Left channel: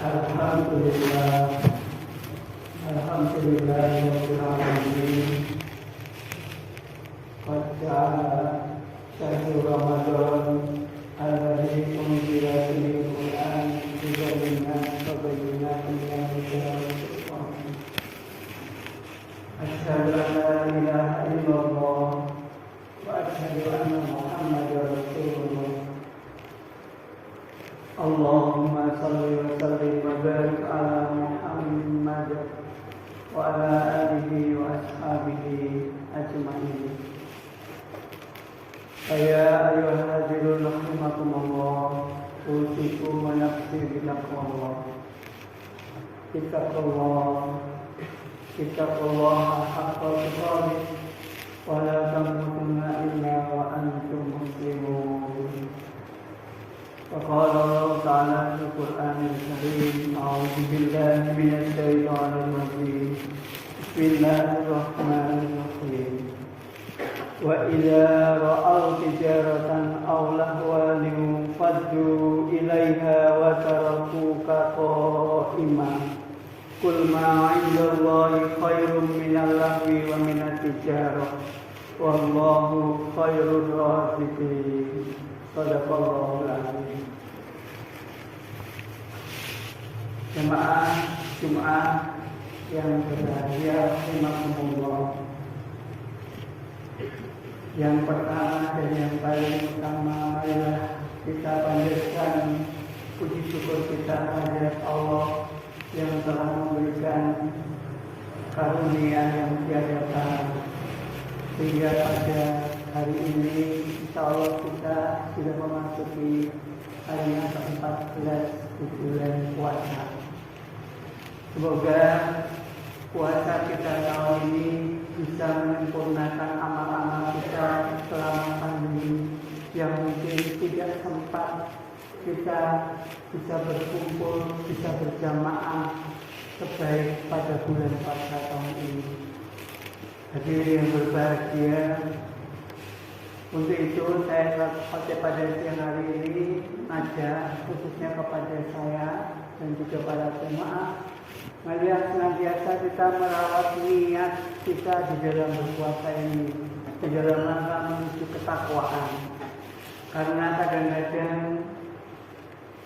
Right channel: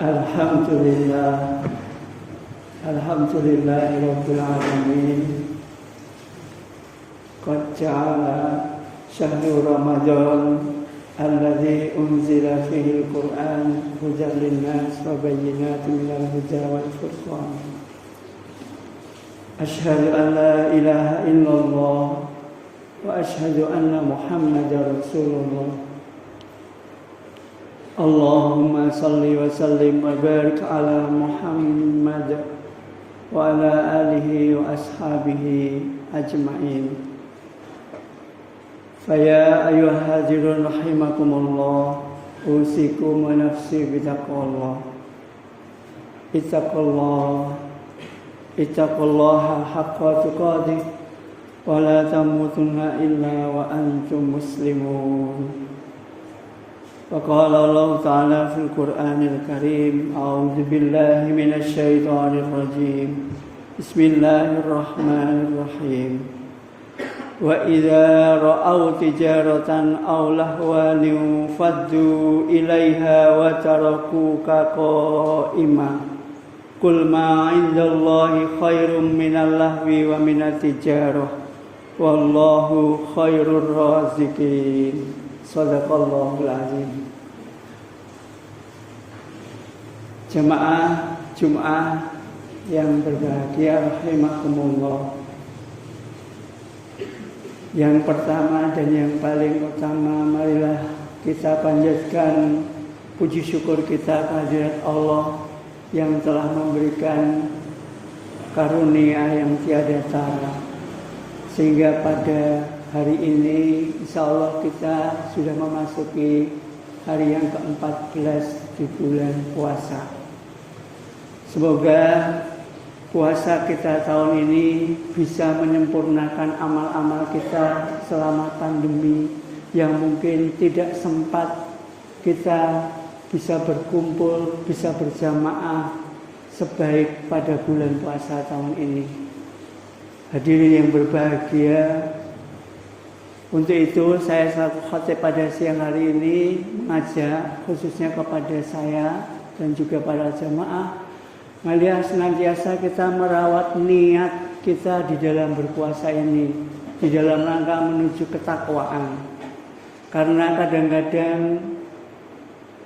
Alhamdulillah, Rabbil alamin. Qad ja'ala syahru Ramadan alladzi unzila fihi al-Qur'an hudan lin-nas wa bayyinatin minal huda wal furqan. Asyhadu an la ilaha illallah wa asyhadu anna Muhammadar Rasulullah. Allahumma salli wa sallim wa barik ala Muhammad wa ala alihi wa ashabihi ajma'in. Ya ayyuhal hadirun rahimakumullah, usikum wa nafsi bitaqwallah. Ittaqullaha haqqa tuqatih wa la tamutunna illa wa antum muslimun. وقال الله تعالى في القرآن الكريم أعوذ بالله من الشيطان الرجيم بسم الله الرحمن الرحيم وإذا رأوا تجارة أو لهوا انفضوا إليها وتركوك قائما قل ما عند الله خير من اللهو ومن التجارة والله خير الرازقين. Shadaqallahul azim. Jamaah Jumat yang berbahagia, rahimakumullah. Yang pertama dan yang paling utama, marilah kita panjatkan puji syukur kita kehadirat Allah yang telah memberikan karunia yang tiada tara, sehingga pada hari ini insya Allah kita sudah memasuki hari yang ke-14 di bulan puasa. Semoga puasa kita tahun ini bisa menyempurnakan amal-amal kita selama pandemi yang mungkin tidak sempat kita bisa berkumpul, bisa berjamaah sebaik pada bulan puasa tahun ini. Hadirin yang berbahagia, untuk itu saya selaku khatib pada siang hari ini mengajak khususnya kepada saya dan juga para jamaah, marilah senantiasa kita merawat niat kita di dalam berpuasa ini, di dalam rangka menuju ketakwaan. Karena kadang-kadang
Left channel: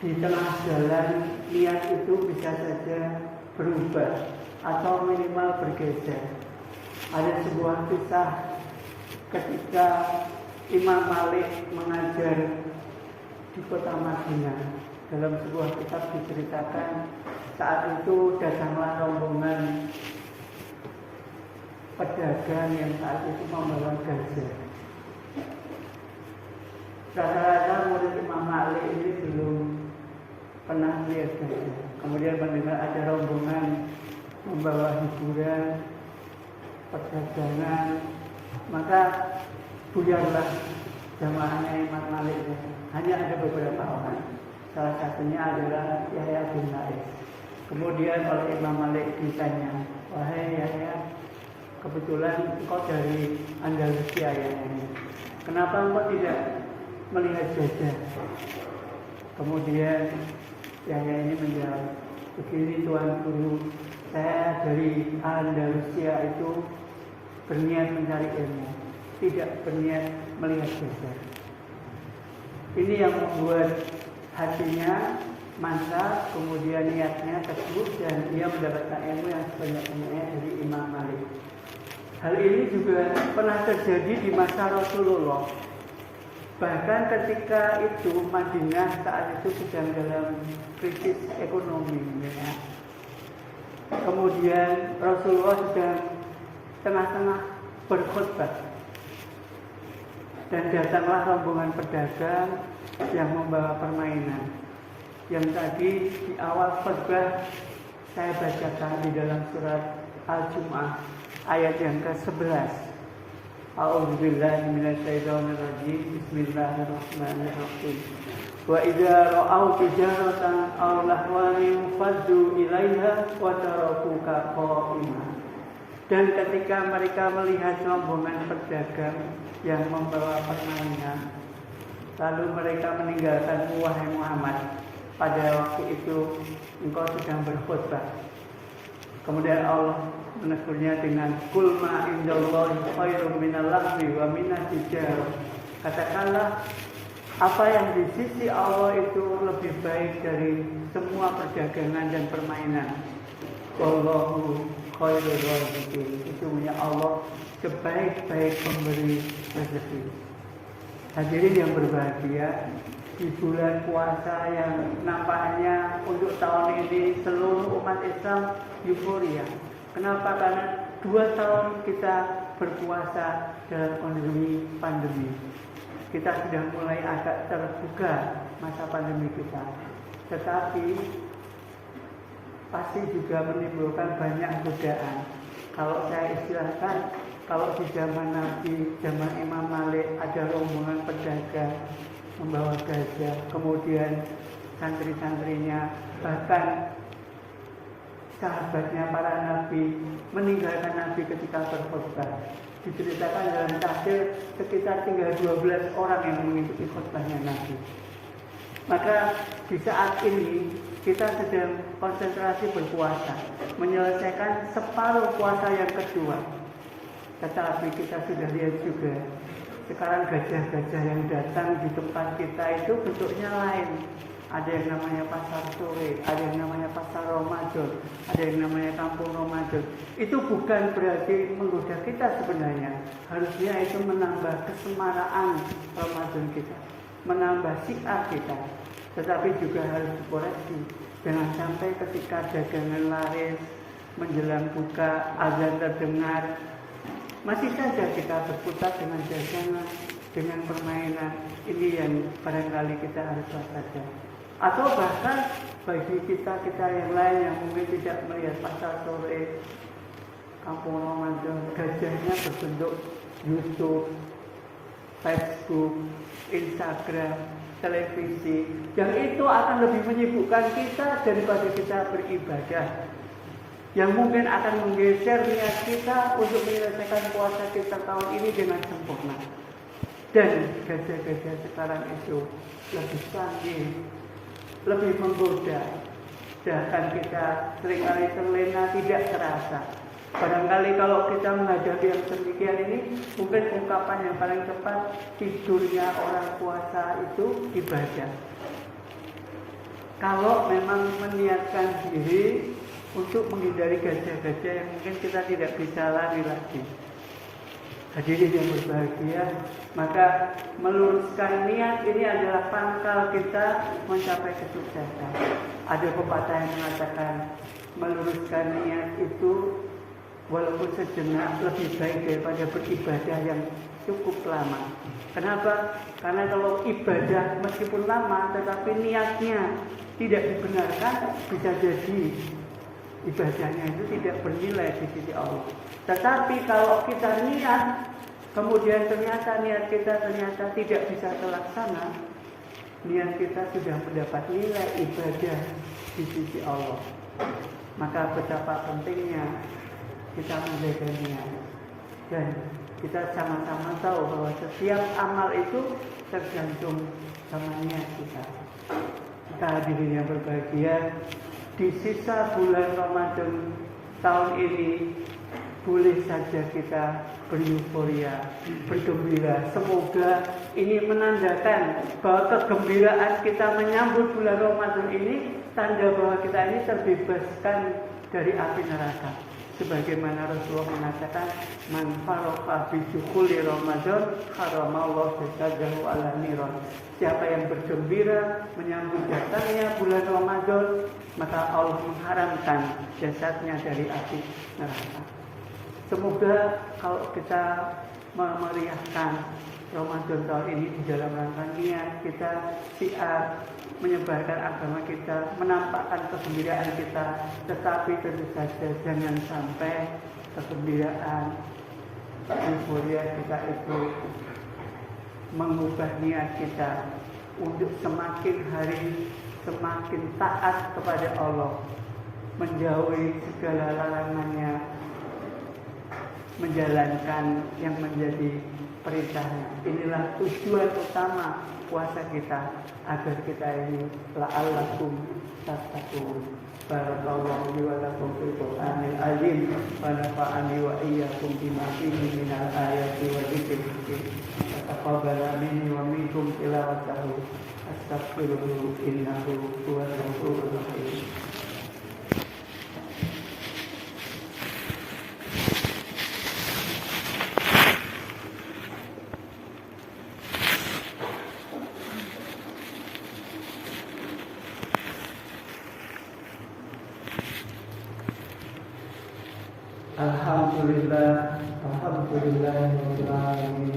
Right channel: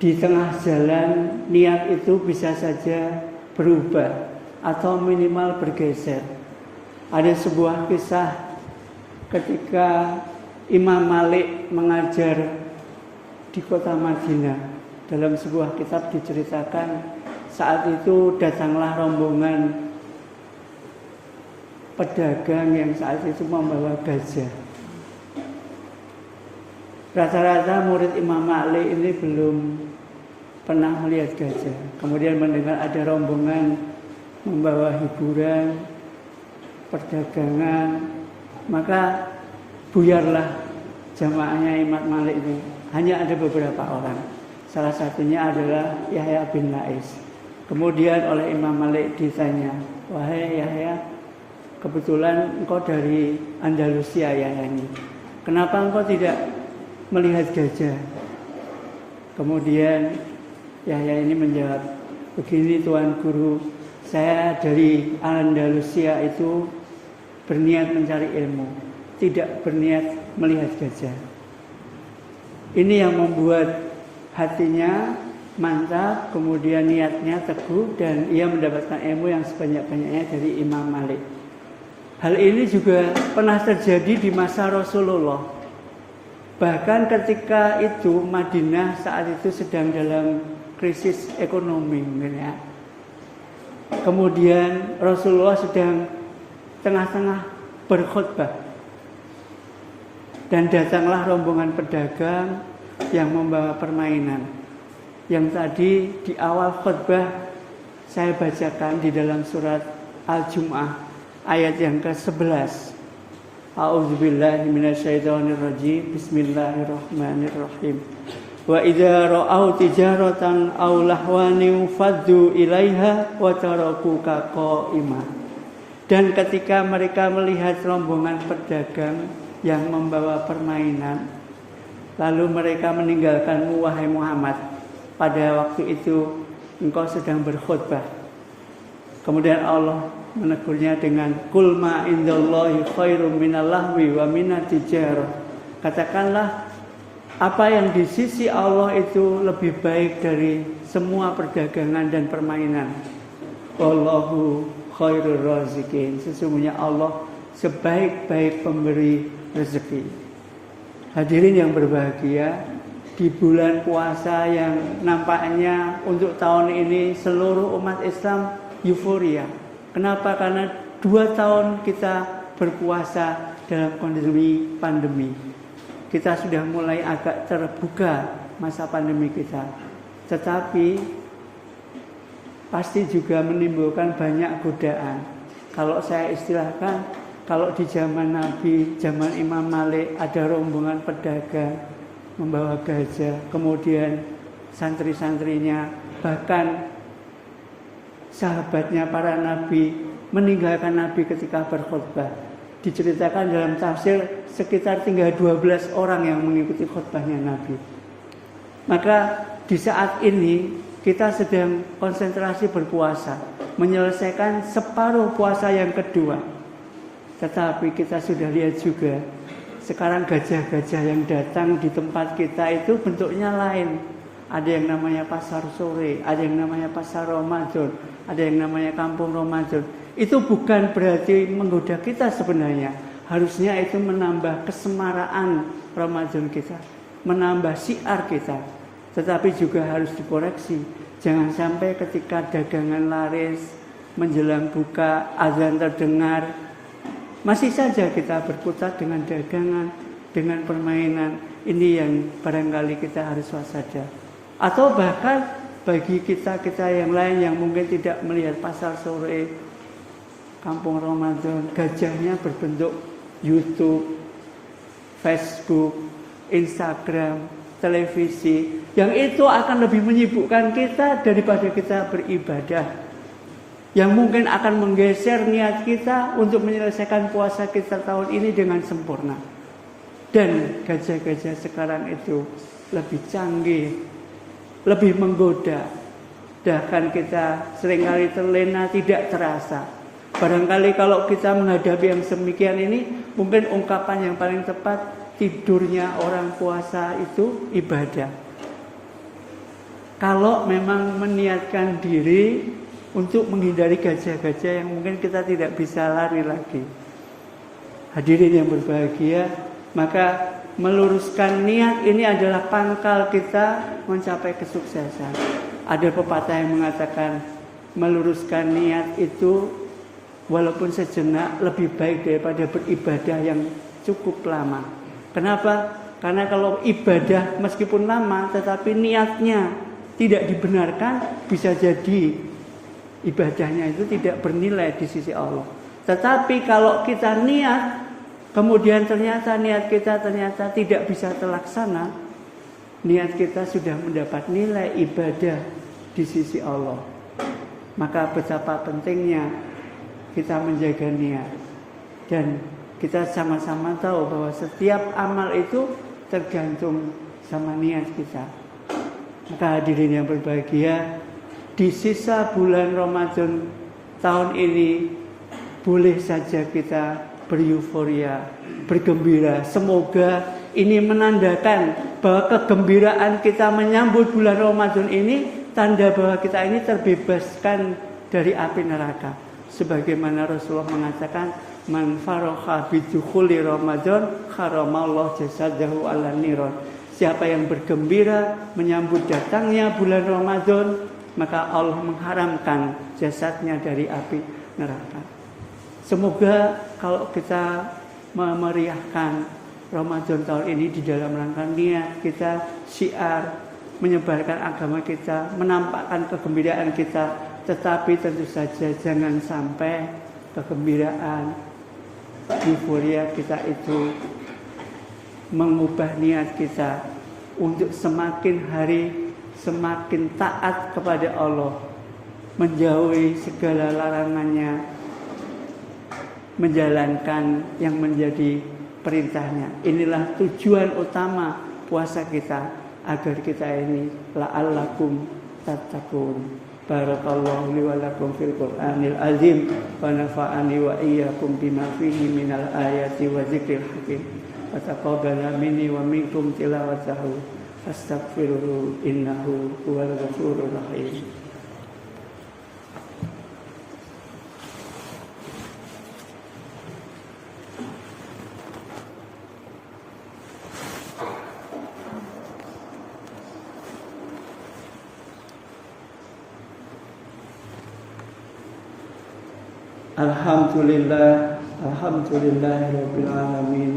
di tengah jalan niat itu bisa saja berubah atau minimal bergeser. Ada sebuah kisah ketika Imam Malik mengajar di kota Madinah. Dalam sebuah kitab diceritakan saat itu datanglah rombongan pedagang yang saat itu membawa gajah. Rata-rata murid Imam Malik ini belum pernah melihat gajah. Kemudian mendengar ada rombongan membawa hiburan, perdagangan, maka buyarlah jamaahnya Imam Malik itu. Hanya ada beberapa orang. Salah satunya adalah Yahya bin Lais. Kemudian oleh Imam Malik ditanya, "Wahai Yahya, kebetulan engkau dari Andalusia ya ini. Kenapa engkau tidak melihat gajah?" Kemudian Yahya ini menjawab, "Begini Tuan Guru, saya dari Andalusia itu berniat mencari ilmu, tidak berniat melihat gajah." Ini yang membuat hatinya mantap, kemudian niatnya teguh, dan ia mendapatkan ilmu yang sebanyak-banyaknya dari Imam Malik. Hal ini juga pernah terjadi di masa Rasulullah. Bahkan ketika itu Madinah saat itu sedang dalam krisis ekonomi ya. Kemudian Rasulullah sedang tengah-tengah berkhutbah. Dan datanglah rombongan pedagang yang membawa permainan. Yang tadi di awal khutbah saya bacakan di dalam surat Al-Jum'ah ayat yang ke-11. A'udzubillahi minasyaitonirrajim. Bismillahirrahmanirrahim. Wa idza ra'au tijaratan aw lahwan faddu ilaiha wa tarakuka qa'ima. Dan ketika mereka melihat rombongan pedagang yang membawa permainan, lalu mereka meninggalkanmu wahai Muhammad, pada waktu itu engkau sedang berkhutbah. Kemudian Allah menegurnya dengan qul ma indallahi khairum minal lahwi wa minat tijarah. Katakanlah apa yang di sisi Allah itu lebih baik dari semua perdagangan dan permainan. Wallahu khairur raziqin. Sesungguhnya Allah sebaik-baik pemberi rezeki. Hadirin yang berbahagia, di bulan puasa yang nampaknya untuk tahun ini seluruh umat Islam euforia. Kenapa? Karena 2 tahun kita berpuasa dalam kondisi pandemi. Kita sudah mulai agak terbuka masa pandemi kita. Tetapi pasti juga menimbulkan banyak godaan. Kalau saya istilahkan, kalau di zaman Nabi, zaman Imam Malik ada rombongan pedagang membawa gajah, kemudian santri-santrinya, bahkan sahabatnya para nabi meninggalkan Nabi ketika berkhutbah. Diceritakan dalam tafsir sekitar tinggal 12 orang yang mengikuti khutbahnya Nabi. Maka di saat ini kita sedang konsentrasi berpuasa, menyelesaikan separuh puasa yang kedua. Tetapi kita sudah lihat juga sekarang gajah-gajah yang datang di tempat kita itu bentuknya lain. Ada yang namanya pasar sore, ada yang namanya pasar Ramadan, ada yang namanya kampung Ramadan. Itu bukan berarti menggoda kita sebenarnya. Harusnya itu menambah kesemaraan Ramadan kita, menambah syiar kita. Tetapi juga harus dikoreksi. Jangan sampai ketika dagangan laris, menjelang buka, azan terdengar, masih saja kita berkutat dengan dagangan, dengan permainan. Ini yang barangkali kita harus waspada. Atau bahkan bagi kita-kita yang lain yang mungkin tidak melihat pasar sore, kampung Ramadan, gajahnya berbentuk YouTube, Facebook, Instagram, televisi, yang itu akan lebih menyibukkan kita daripada kita beribadah, yang mungkin akan menggeser niat kita untuk menyelesaikan puasa kita tahun ini dengan sempurna. Dan gajah-gajah sekarang itu lebih canggih, lebih menggoda. Bahkan kita seringkali terlena tidak terasa. Barangkali kalau kita menghadapi yang semikian ini, mungkin ungkapan yang paling tepat, tidurnya orang puasa itu ibadah. Kalau memang meniatkan diri untuk menghindari gajah-gajah yang mungkin kita tidak bisa lari lagi. Hadirin yang berbahagia, maka meluruskan niat ini adalah pangkal kita mencapai kesuksesan. Ada pepatah yang mengatakan meluruskan niat itu walaupun sejenak lebih baik daripada beribadah yang cukup lama. Kenapa? Karena kalau ibadah meskipun lama tetapi niatnya tidak dibenarkan, bisa jadi ibadahnya itu tidak bernilai di sisi Allah. Tetapi kalau kita niat, kemudian ternyata niat kita tidak bisa terlaksana, niat kita sudah mendapat nilai ibadah di sisi Allah. Maka betapa pentingnya kita menjaga niat. Dan kita sama-sama tahu bahwa setiap amal itu tergantung sama niat kita. Maka hadirin yang berbahagia, di sisa bulan Ramadan tahun ini boleh saja kita beryuforia, bergembira. Semoga ini menandakan bahwa kegembiraan kita menyambut bulan Ramadan ini tanda bahwa kita ini terbebaskan dari api neraka. Sebagaimana Rasulullah mengatakan, man faragha bi dukhuli Ramadan haramallahu jasadahu 'ala niran. Siapa yang bergembira menyambut datangnya bulan Ramadan, maka Allah mengharamkan jasadnya dari api neraka. Semoga kalau kita memeriahkan Ramadan tahun ini di dalam rangka niat kita, syiar, menyebarkan agama kita, menampakkan kegembiraan kita, tetapi tentu saja jangan sampai kegembiraan, euforia kita itu mengubah niat kita untuk semakin hari semakin taat kepada Allah, menjauhi segala larangannya, menjalankan yang menjadi perintahnya. Inilah tujuan utama puasa kita. agar kita ini la'allakum tattaqun. Barakallahu li wa lakum fil Qur'anil azim wa nafa'ani wa iyyakum bima fihi minal ayati wa dzikril hakim. Wa taqabbala minni wa minkum tilawatahu. Astaghfiruhu innahu huwal ghafurur rahim. Alhamdulillahirabbil alamin.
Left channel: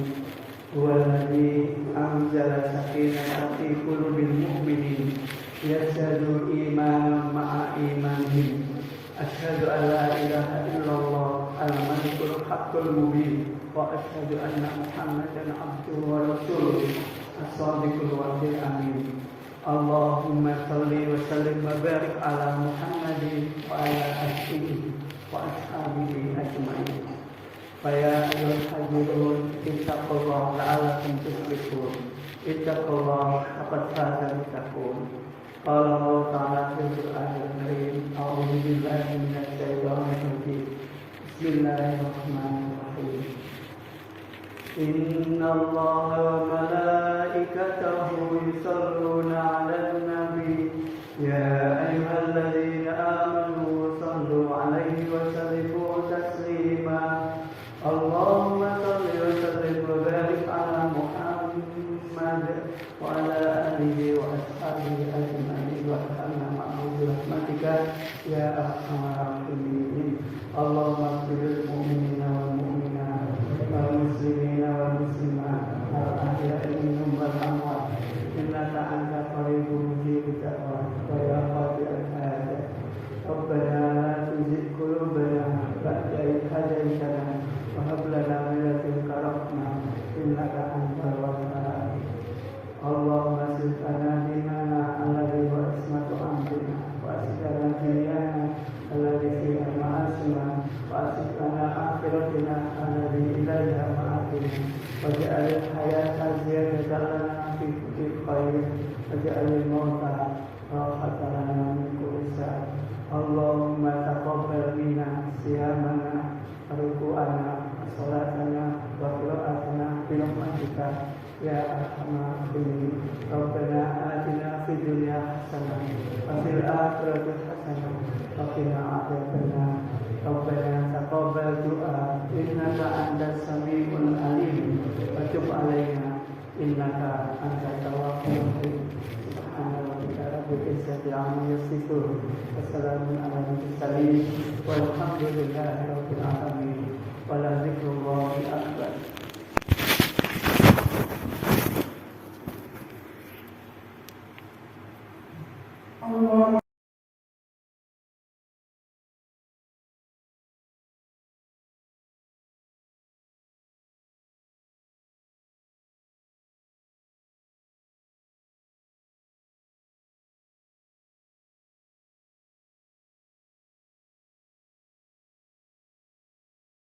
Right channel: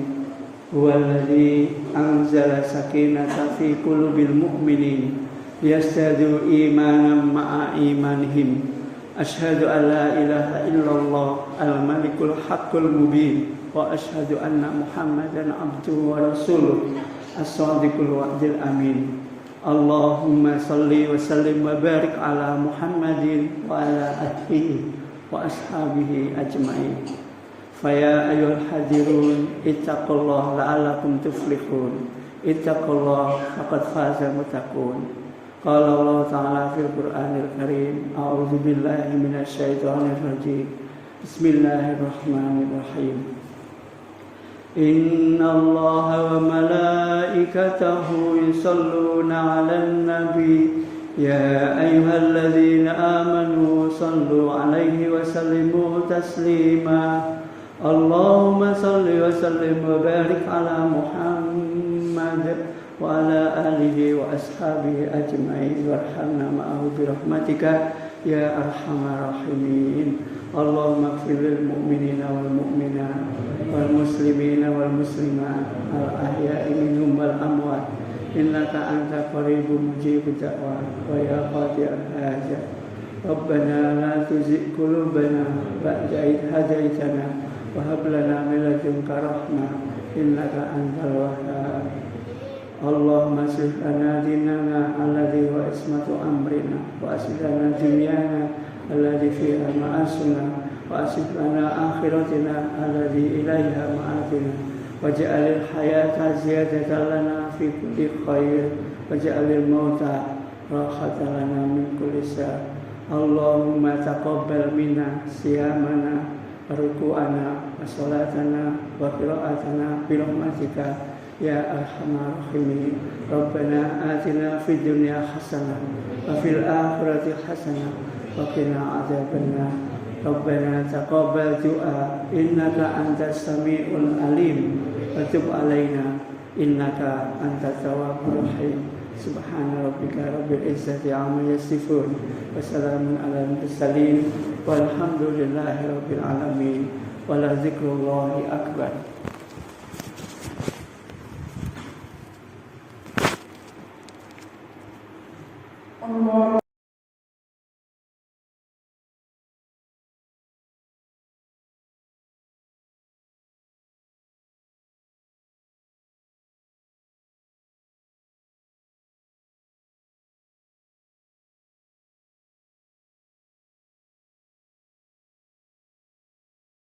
Huwallazi anzala sakinata fi qulubil mu'minin yazdadu imanan ma'a imanihim. Asyhadu an la ilaha illallah al-malikul haqqul mubin wa asyhadu anna Muhammadan abduhu wa rasuluh as-shadiqul wa'dil amin. Allahumma salli wa sallim wa barik ala Muhammadin wa ala alihi wa ashabihi ajma'in. Faya ayyuhal hadirun ittaqullah la'allakum tuflihun. Ittaqullah faqad faza muttaqun. Qala Allah ta'ala fil Qur'anil Karim. A'udzu billahi minasy syaithanir rajim. Bismillahirrahmanirrahim. Inna Allaha wa malaikatahu yusholluna 'alan nabi. Ya ayyuhalladzina amanu sallu 'alaihi wa sallimu taslima. Allahumma salli wa sallim wa barik ala Muhammad wa ala alihi wa ashabihi ajma'in warhamna ma'ahu bi rahmatika ya arhamar rahimin. Allahumma ighfir lil mu'minina wal mu'minat wal muslimina wal muslimat al ahya'i minhum wal amwat innaka anta qaribun mujibud da'wat wa ya qadi'al hajat. Rabbana la tuzigh qulubana ba'da idh hadaytana wa hab lana min ladunka rahmah innaka antal wahhab. Allahumma aslih lana dinana alladhi huwa ismatu amrina wa aslih lana dunyana alladhi fiha ma'asuna wa aslih lana akhiratina alladhi ilaiha ma'adina waj'alil hayata ziyadatan lana fi kulli khair waj'alil mauta rahatan lana min kulli shar. Allahumma taqabbal minna siyamana ruku'ana salatana wa qira'atana bi rahmatika ya arhamar rahimin. Rabbana atina fid dunya hasanah wa fil akhirati hasanah wa qina adzabannar. Rabbana taqabbal du'a innaka antas samiul alim wa tub alaina innaka antat tawwabur rahim. Subhana rabbika rabbil izzati amma yasifun wa salamun alal mursalin walhamdulillahi rabbil alamin. Wala dzikrullahi akbar.